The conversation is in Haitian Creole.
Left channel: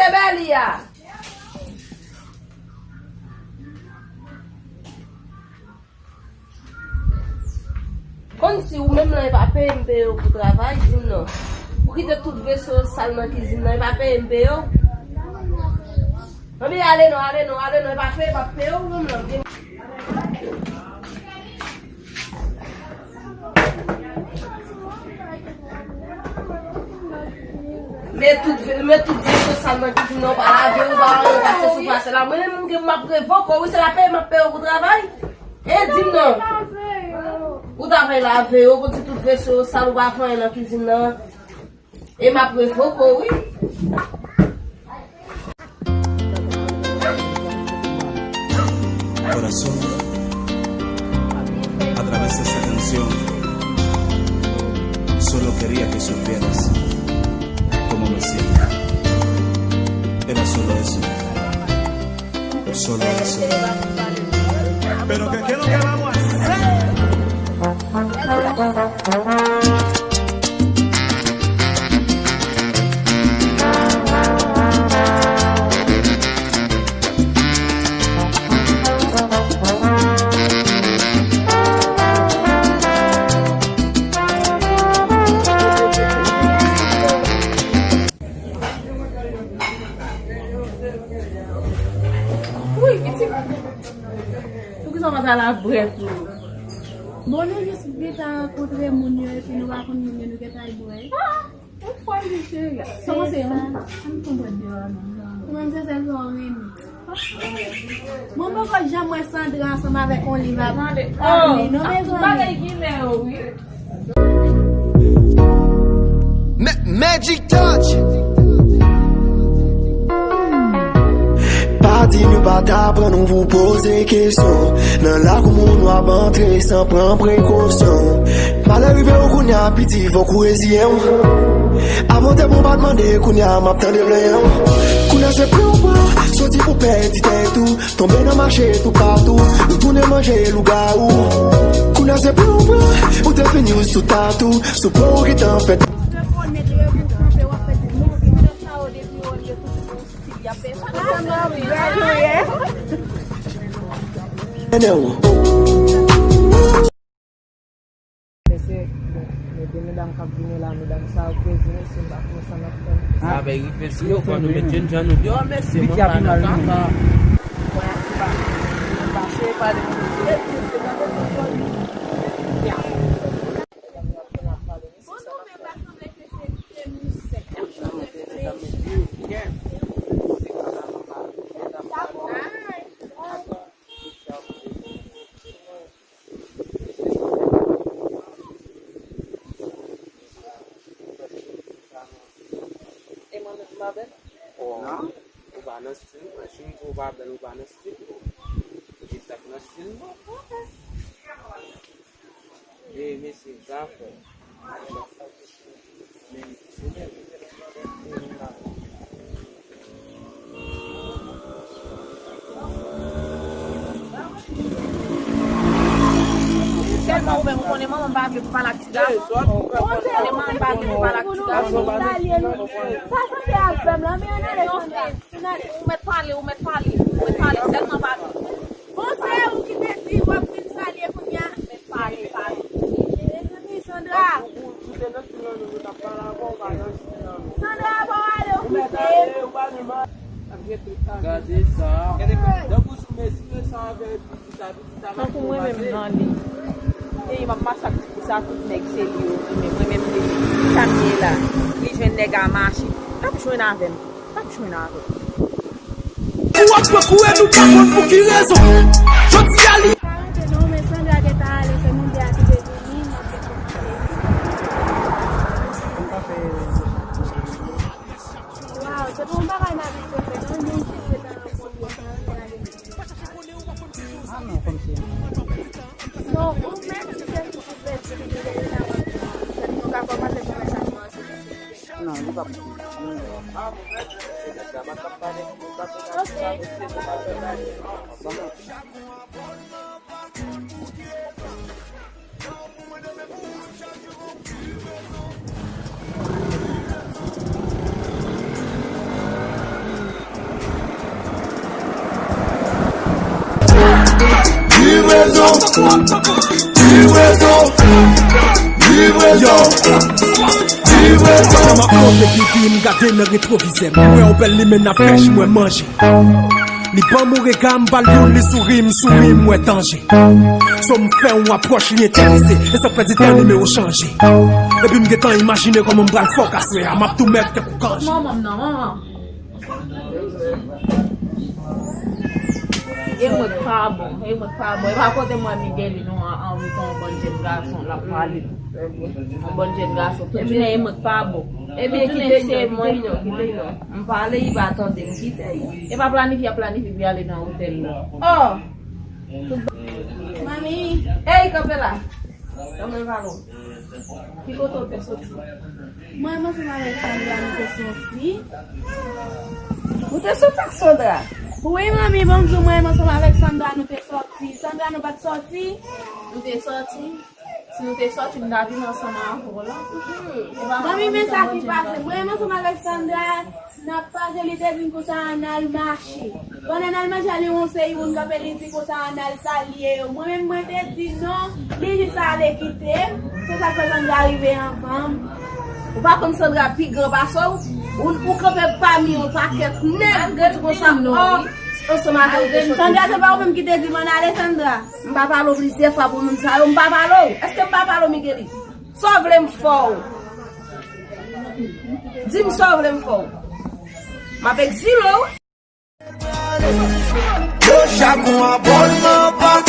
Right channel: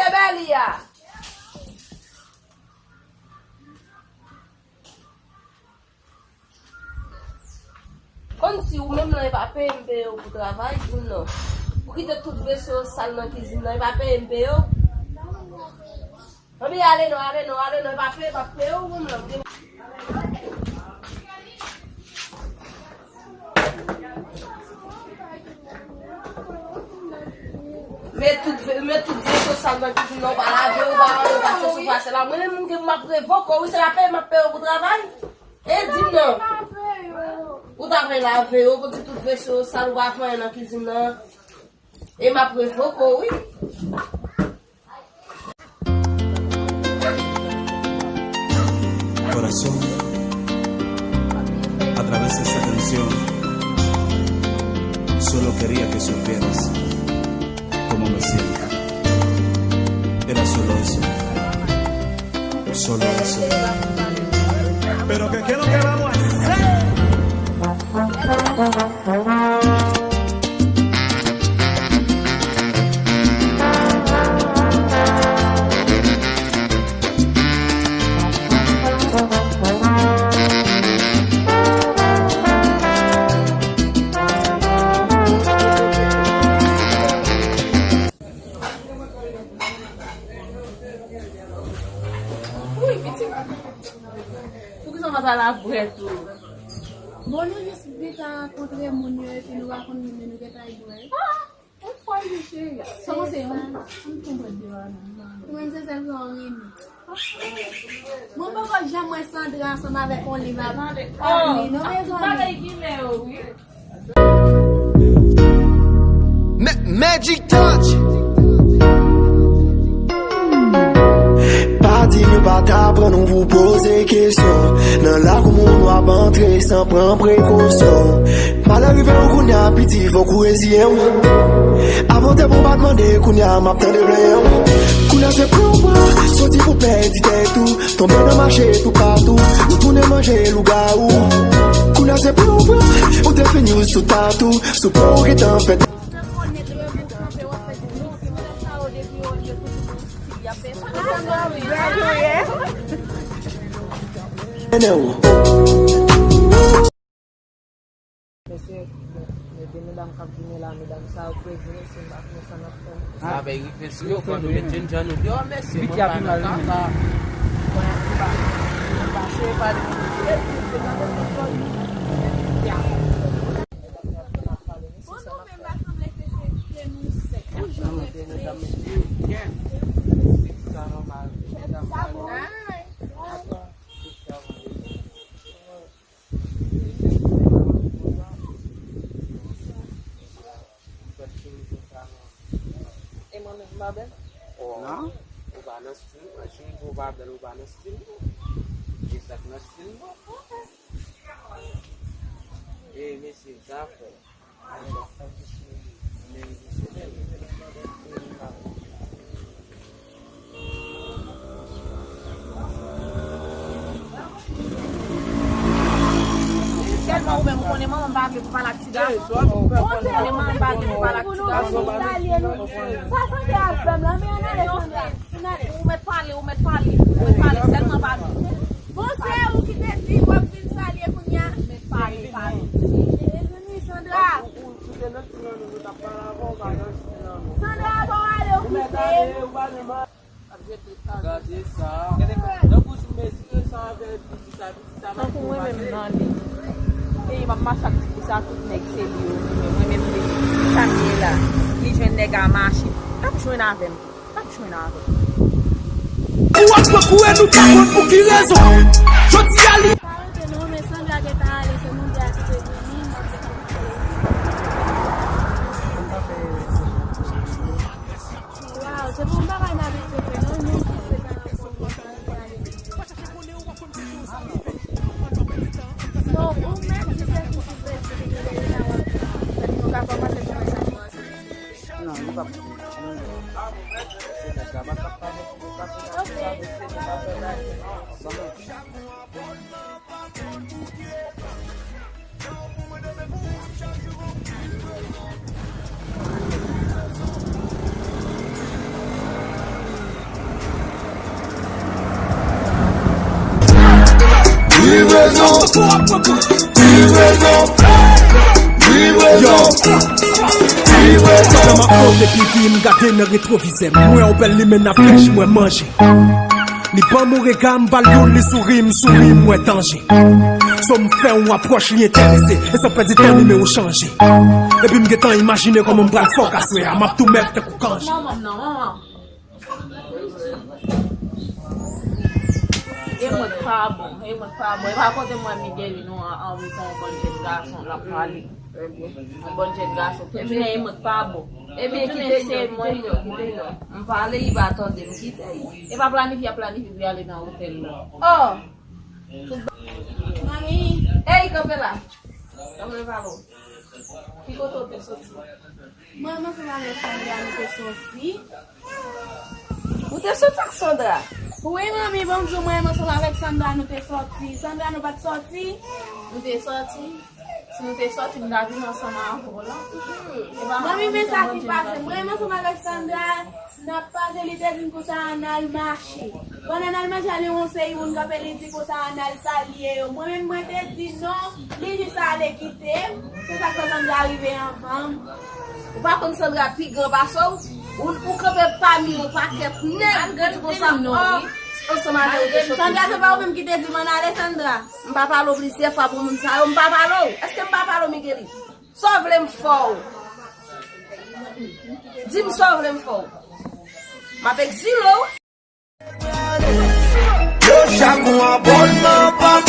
Kote beli ya. Kon si ou même nan va paye mpe yo pour travail, ou non. Ou ki te tout vaisseau sale dans cuisine nan va paye mpe yo. Obi ale non, va paye yo, ou non. Mais tout vaisseau sale dans cuisine non pas laver ou pas passer sous place là. Moi même que m'a prévoque, oui c'est la paye m'a paye au travail. Et dis non. Ou t'avais lavé, ou quand tu tout vaisseau sale ou pas faire dans la cuisine là. Et m'a prévoque, oui. Corazón, a través de esta canción, solo quería que supieras cómo me siento. Era solo eso. Solo eso. Pero ¿qué es lo que vamos a hacer? À la brette. Bon, nous juste rencontrer mon et puis nous raconter mon nous qui est Ah, on fois je sais. Comment c'est ça? On comprend bien non. Même c'est ça rien. Mon papa jamais Sandra ensemble avec Oliva. Oh, non mais Magic touch. Pas dit mieux pas t'apprendre, on vous poser question. Dans la commune, on va entrer sans prendre précaution. Mal arrivé au Kounia, petit, faut courir. Avant tes bombardements, Kounia, m'attend de blanc. Kounia, c'est plus ou pas, sorti pour perdre tout. Tomber dans le marché, tout partout. Ou tourner manger, loup-garou. Kounia, c'est plus ou pas, ou t'es fait news tout à tout. Sous pour qui t'en fait. Sabe que pessoa quando me tinha no dia, mas se não vai na casa, passei para On connaît maman bague pour parler avec garçon. On connaît maman bague pour parler avec garçon. Ça c'est à femme là mais on met parler seulement bague. Bon c'est où qui te dit va prendre salier pour bien parler. Sandra. Sandra va aller au Regardez ça. Donc vous mettez ça avec donc moi-même dans lui. Et m'a massacre pour ça tout nèg c'est lui mais moi-même les camier là, les jeunes nèg à marcher. Pas besoin avec. Pas besoin avec. Ou après courir nous pas bon pour qui raison? Je dis à lui. non mais Sandra qui est allé c'est mon dia qui est Yo, ça fait ma faute qui vit m'garder dans rétroviseur. Moi on pelle li men na fraîche moi manger. Li ban mon regard m'bal li souris moi danger. So m'fait on approche li intéressé et ça peut dire temps numéro changer. Et puis m'getan imaginer comment m'bral fok aswe, a m'a tout mettre te koukange. Maman. E mwen pa bon. E pa kote mwen Miguel nou an ton bon jen garçon la pali. Un bon jen garçon. Tout jounen e mwen pa bon. E bien kite se mwen yo. Mwen pale yi ba atende mkite yi. E pa planifi bi ale nan hotel la. Oh! Mami, Hey Kapela! Kame valo. Ki koto te soti? mwen mwen son Alexandra nou te sorti. Ou te soti ak Sandra? Oui, mami, bonjour, mwen mwen son Alexandra nou te sorti. Sandra nou pat sorti? Nou te soti? Si nou te soti, nou avi nan sanan anfor la. Mami, men sa ki pase, mwen mwen son Alexandra n'a pas li te vin pou sa anal marché. Kon anal marché ali on se yon ka li di pou sa anal salye. Mwen te di non, li di sa ale kite. Se sa fe Sandra arrive en femme. Ou pa kon Sandra pi gran baso, ou krepe pa mi ou paket net gret kon sa on se manje ou te soti. Sandra se pa ou mèm ki te di man Alexandra. Mpa palo plise fa pou moun sa, mpa palo. Eske mpa palo Migueli? So vle mfou. Dim so vle mfou. M'apek zilo. Yo chaque mois abonnement par